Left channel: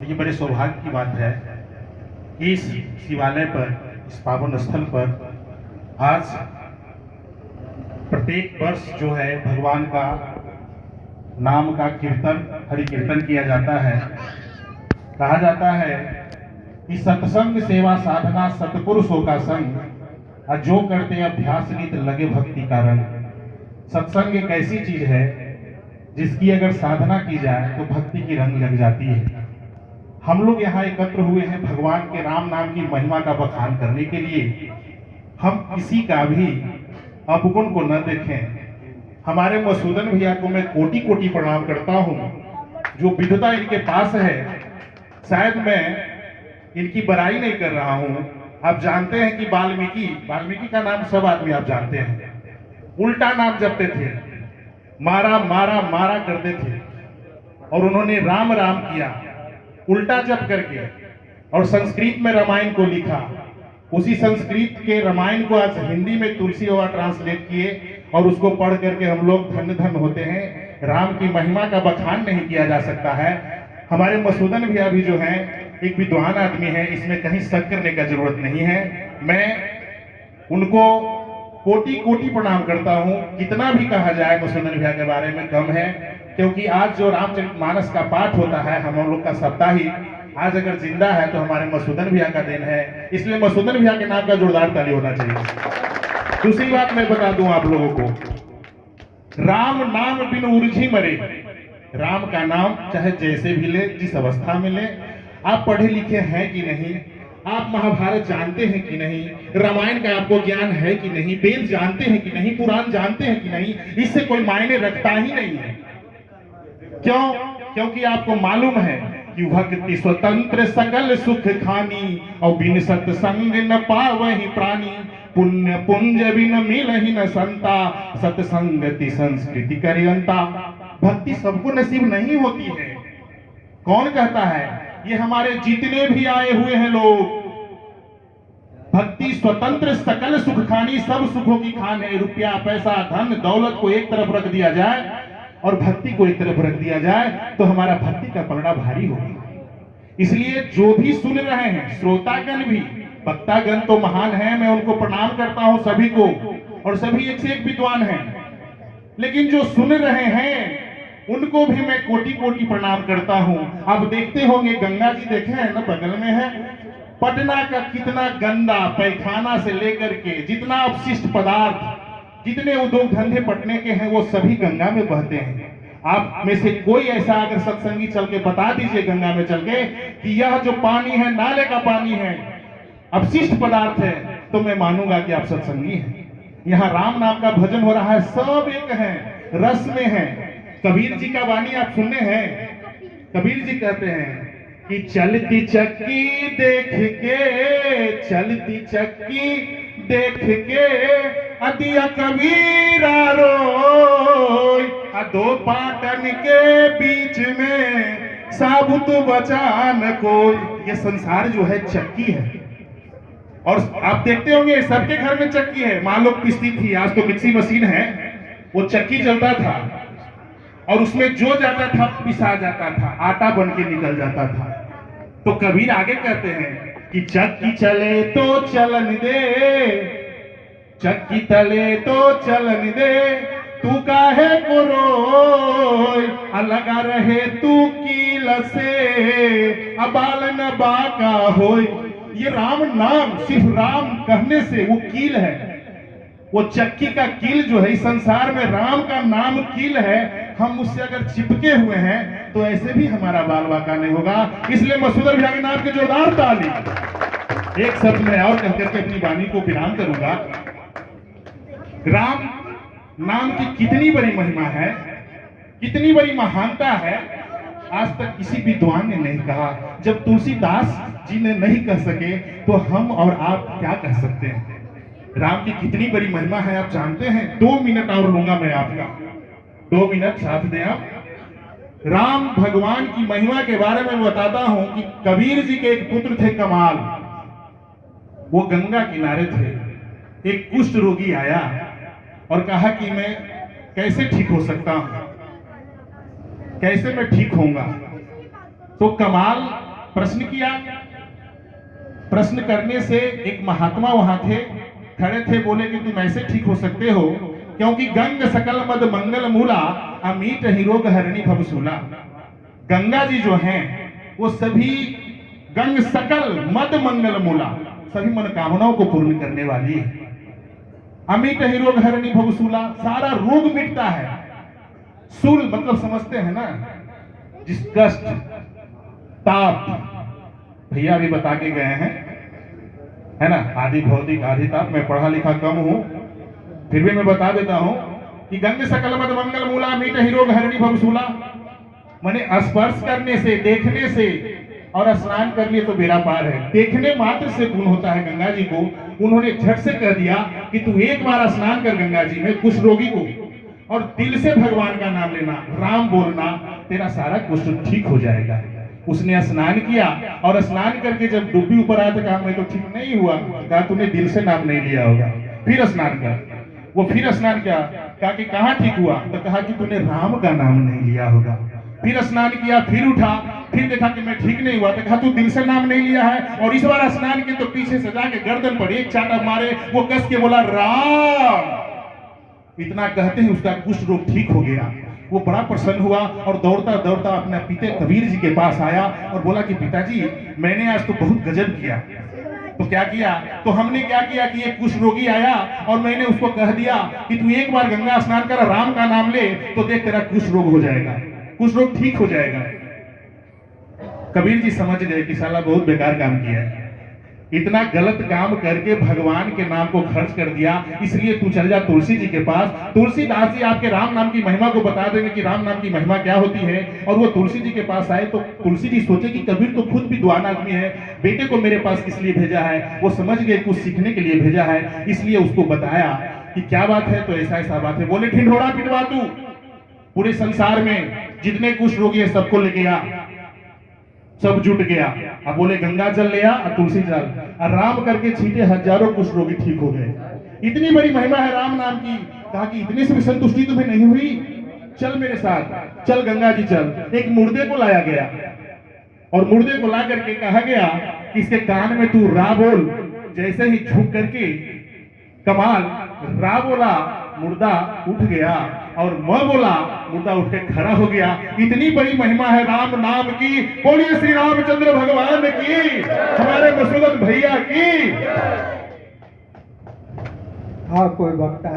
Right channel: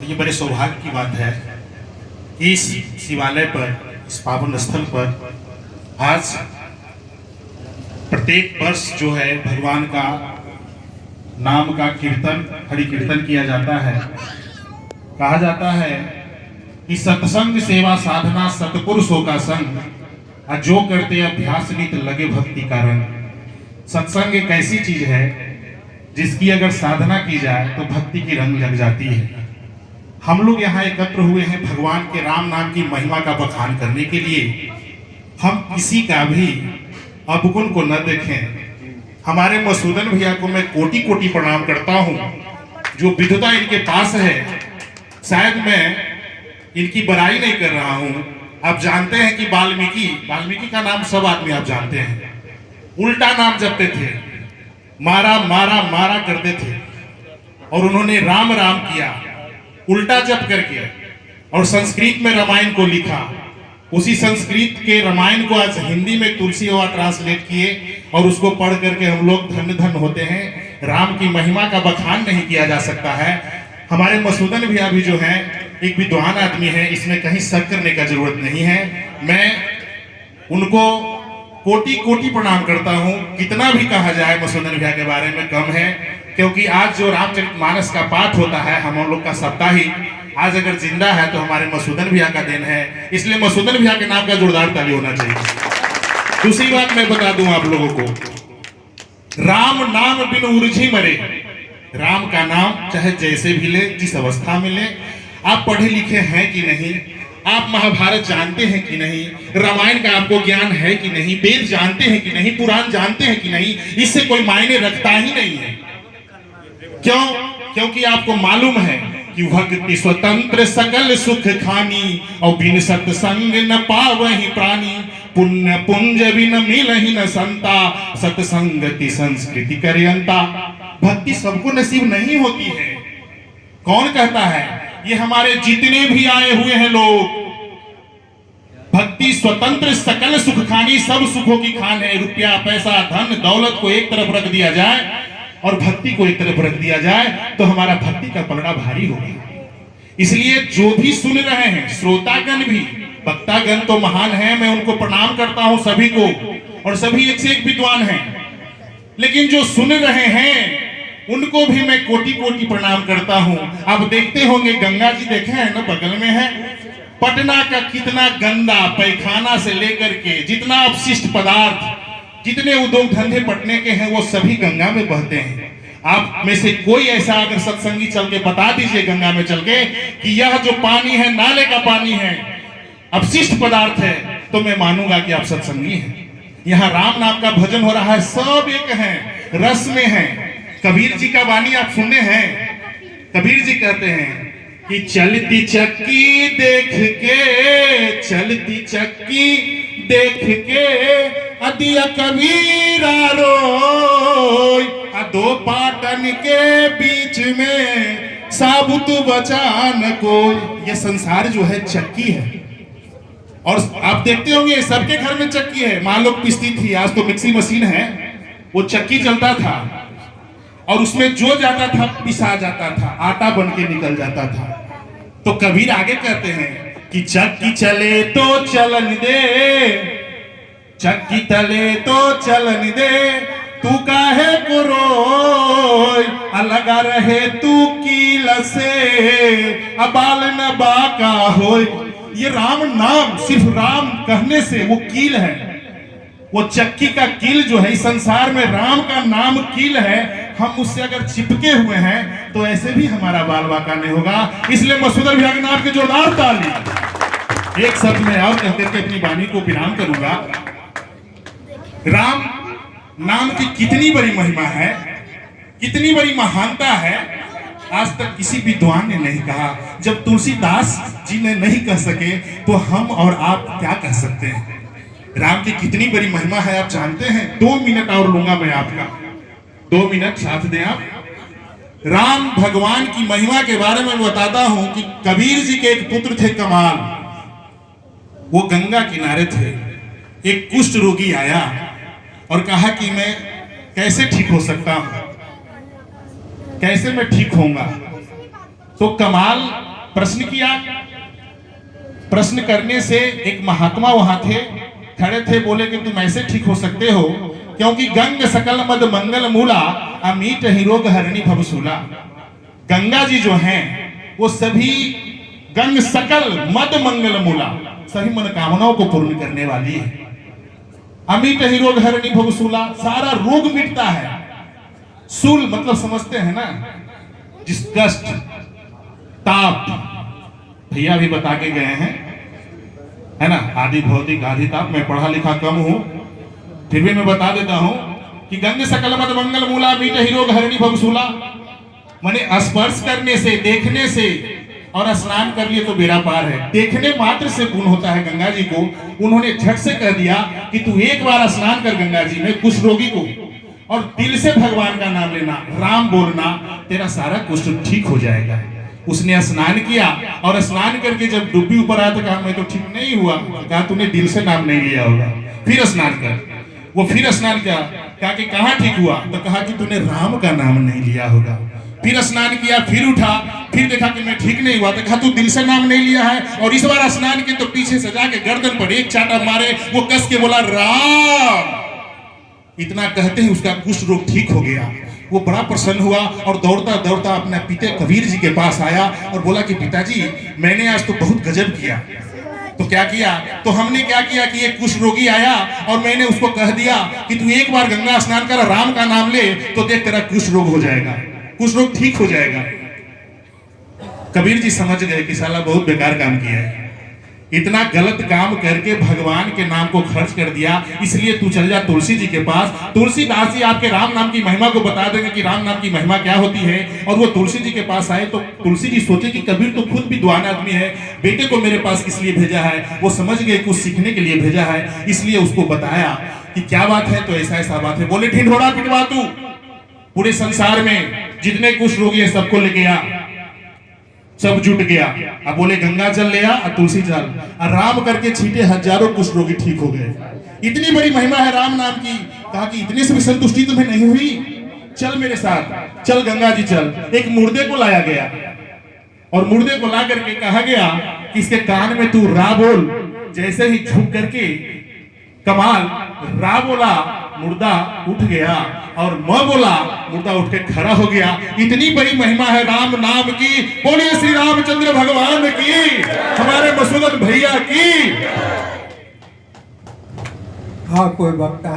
ये बड़े सौभाग्य की बात है कि इस शिवालय पर, इस पावन स्थल पर आज प्रत्येक वर्ष जो है भगवान का नाम का कीर्तन, हरि कीर्तन किया जाता है। कहा जाता है कि सत्संग सेवा साधना सतपुरुषों का संग, और जो करते अभ्यास नित लगे भक्ति का रंग। सत्संग एक ऐसी चीज है जिसकी अगर साधना की जाए तो भक्ति की रंग लग जाती है। हम लोग यहाँ एकत्र हुए हैं भगवान के राम नाम की महिमा का बखान करने के लिए। हम किसी का भी अवगुण को न देखें। हमारे मसूदन भैया को मैं कोटि कोटि प्रणाम करता हूँ, जो विद्वता इनके पास है। शायद मैं इनकी बड़ाई नहीं कर रहा हूँ। आप जानते हैं कि वाल्मीकि का नाम सब आदमी आप जानते हैं। उल्टा नाम जपते थे, मारा मारा मारा करते थे, और उन्होंने राम राम किया उल्टा जप करके, और संस्कृत में रामायण को लिखा। उसी संस्कृत के रामायण को आज हिंदी में तुलसी बाबा ट्रांसलेट किए, और उसको पढ़ करके हम लोग धन्य धन्य होते हैं। राम की महिमा का बखान नहीं किया जा सकता है। हमारे मसूदन भैया भी जो है एक विद्वान आदमी है, इसमें कहीं शक करने का जरूरत नहीं है। मैं उनको कोटि कोटि प्रणाम करता हूँ। कितना भी कहा जाए मसूदन भैया के बारे में कम है, क्योंकि आज जो रामचरितमानस का पाठ होता है, हम लोग का साप्ताहिक, आज अगर जिंदा है तो हमारे मसूदन भैया का देन है। इसलिए मसूदन भैया के नाम का जोरदार ताली होना चाहिए। दूसरी बात मैं बता दूं आप लोगों को, राम नाम बिन उलझी मरे। राम का नाम चाहे जैसे भी ले, जिस अवस्था में ले। आप पढ़े लिखे हैं कि नहीं, आप महाभारत जानते हैं कि नहीं, रामायण का आपको ज्ञान है कि नहीं, वेद जानते हैं कि नहीं, पुराण जानते हैं कि नहीं, इससे कोई मायने रखता ही नहीं है। क्यों? क्योंकि आपको मालूम है कि भक्ति स्वतंत्र सकल सुख खानी, और बिन सत्संग न पावहि प्राणी। पुण्य पुंज बिन मिलहि न संता, सत्संगति संस्कृति करयंता। भक्ति सबको नसीब नहीं होती है। कौन कहता है? ये हमारे जितने भी आए हुए हैं लोग। भक्ति स्वतंत्र सकल सुख खानी, सब सुखों की खान है। रुपया पैसा धन दौलत को एक तरफ रख दिया जाए और भक्ति को एक तरफ रख दिया जाए तो हमारा भक्ति का पलड़ा भारी होगा। इसलिए जो भी सुन रहे हैं, श्रोतागण भी, वक्तागण तो महान है, मैं उनको प्रणाम करता हूं सभी को, और सभी एक से एक विद्वान हैं। लेकिन जो सुन रहे हैं उनको भी मैं कोटि कोटि प्रणाम करता हूं। आप देखते होंगे, गंगा जी देखे हैं ना, बगल में है। पटना का कितना गंदा पैखाना से लेकर के जितना अपशिष्ट पदार्थ, जितने उद्योग धंधे पटने के हैं, वो सभी गंगा में बहते हैं। आप में से कोई ऐसा अगर सत्संगी चल के बता दीजिए गंगा में चल के कि यह जो पानी है नाले का पानी है, अपशिष्ट पदार्थ है, तो मैं मानूंगा कि आप सत्संगी हैं। यहाँ राम नाम का भजन हो रहा है, सब एक है, रस में है। कबीर जी का वाणी आप सुनने हैं। कबीर जी कहते हैं कि चलती चक्की देख के, चलती चक्की देख के, अदिया कबीरा रोय, दो पाटन के बीच में साबुत बचा न कोई। ये संसार जो है चक्की है, और आप देखते होंगे सबके घर में चक्की है। मान लो पिसती थी, आज तो मिक्सी मशीन है, वो चक्की चलता था और उसमें जो जाता था पिसा जाता था, आटा बन के निकल जाता था। तो कबीर आगे कहते हैं कि चक्की चले तो चलन दे, चक्की तले तो चलन दे, तू काहे को रोय, लगा रहे तू कील से, अबाल न बाका होय। ये राम नाम, सिर्फ राम कहने से वो कील है। वो चक्की का कील जो है, इस संसार में राम का नाम कील है। हम उससे अगर चिपके हुए हैं तो ऐसे भी हमारा बाल बाका नहीं होगा। इसलिए मसूदन भैया के नाम के जोरदार ताली। एक शब्द में और कह करके अपनी वाणी को विराम करूंगा। राम नाम की कितनी बड़ी महिमा है, कितनी बड़ी महानता है, आज तक किसी विद्वान ने नहीं कहा। जब तुलसीदास जी ने नहीं कह सके तो हम और आप क्या कह सकते हैं। राम की कितनी बड़ी महिमा है आप जानते हैं। 2 मिनट और लूंगा मैं आपका, 2 मिनट साथ दें आप। राम भगवान की महिमा के बारे में बताता हूं कि कबीर जी के एक पुत्र थे कमाल। वो गंगा किनारे थे। एक कुष्ठ रोगी आया और कहा कि मैं कैसे ठीक हो सकता हूं, कैसे मैं ठीक होऊंगा। तो कमाल प्रश्न किया। प्रश्न करने से एक महात्मा वहां थे, खड़े थे, बोले कि तुम ऐसे ठीक हो सकते हो क्योंकि गंग सकल मद मंगल मूला अमीट ही रोग हरणी भवसूला। गंगा जी जो हैं वो सभी गंग सकल मद मंगल मूला, सभी मनोकामनाओं को पूर्ण करने वाली है। अमीट ही रोग हरणी भवसूला, सारा रोग मिटता है। सूल मतलब समझते हैं ना, जिस कष्ट ताप, भैया भी बता के गए हैं, है ना, आदि भौतिक आदि ताप। मैं पढ़ा लिखा कम हूं, फिर भी मैं बता देता हूं कि गंग सकल मद मंगल मूला मीट ही रोग हरणी भवसूला, माने स्पर्श करने से, देखने से, और स्नान कर लिए तो बेड़ा पार है। देखने मात्र से पुण्य होता है गंगा जी को। उन्होंने झट से कह दिया कि तू एक बार स्नान कर गंगा जी में, कुष्ठ रोगी को, और दिल से भगवान का नाम लेना, राम बोलना, तेरा सारा कुष्ठ ठीक हो जाएगा। उसने स्नान किया और स्नान करके जब डुब्बी ऊपर आया तो कहा मैं तो ठीक नहीं हुआ। कहा तूने दिल से नाम नहीं लिया होगा, फिर स्नान कर। वो फिर स्नान किया, कहा कि कहाँ ठीक हुआ, तो कहा कि तूने राम का नाम नहीं लिया होगा। फिर स्नान किया, फिर उठा, फिर देखा कि मैं ठीक नहीं हुआ, तो कहा तू दिल से नाम नहीं लिया है। और इस बार स्नान के तो पीछे से जाके गर्दन पर एक चाटा मारे, वो कस के बोला राम। इतना कहते ही उसका कुष्ठ रोग ठीक हो गया। वो बड़ा प्रसन्न हुआ और दौड़ता दौड़ता अपने पिता कबीर जी के पास आया और बोला कि पिताजी मैंने आज तो बहुत गजब किया। तो क्या किया, तो हमने क्या किया कि एक कुष्ठ रोगी आया और मैंने उसको कह दिया कि तू एक बार गंगा स्नान कर, राम का नाम ले, तो देख तेरा कुष्ठ रोग हो जाएगा, कुष्ठ रोग ठीक हो जाएगा। कबीर जी समझ गए कि साला बहुत बेकार काम किया है, इतना गलत काम करके भगवान के नाम को खर्च कर दिया, इसलिए तू चल जा तुलसी जी के पास। तुलसीदास जी आपके राम नाम की महिमा को बता देंगे कि राम नाम की महिमा क्या होती है। और वो तुलसी जी के पास आए तो तुलसी जी सोचे कि कबीर तो खुद विद्वान आदमी है, बेटे को मेरे पास किस लिए भेजा है। वो समझ गए कुछ सीखने के लिए भेजा है, इसलिए उसको बताया कि क्या बात है, तो ऐसा ऐसा बात है। बोले ढिंढोरा पिटवा तू, पूरे संसार में जितने कुष्ठ रोगी है सबको लेके आ। सब जुट गया। अब बोले गंगा जल ले आ और तुलसी जल, राम करके छीटे, हजारों कुष्ठ रोगी ठीक हो गए। इतनी बड़ी महिमा है राम नाम की। कहा कि इतने से भी संतुष्टि तुम्हें नहीं हुई, चल मेरे साथ, चल गंगा जी चल। एक मुर्दे को लाया गया और मुर्दे को ला करके कहा गया कि इसके कान में तू रा बोल। जैसे ही झुक करके कमाल रा बोला, मुर्दा उठ गया, और म बोला, मुर्दा उठ के खड़ा हो गया। इतनी बड़ी महिमा है राम नाम की। बोलिए श्री रामचंद्र भगवान की, हमारे मसूदत भैया की। हाँ, कोई वक्ता है।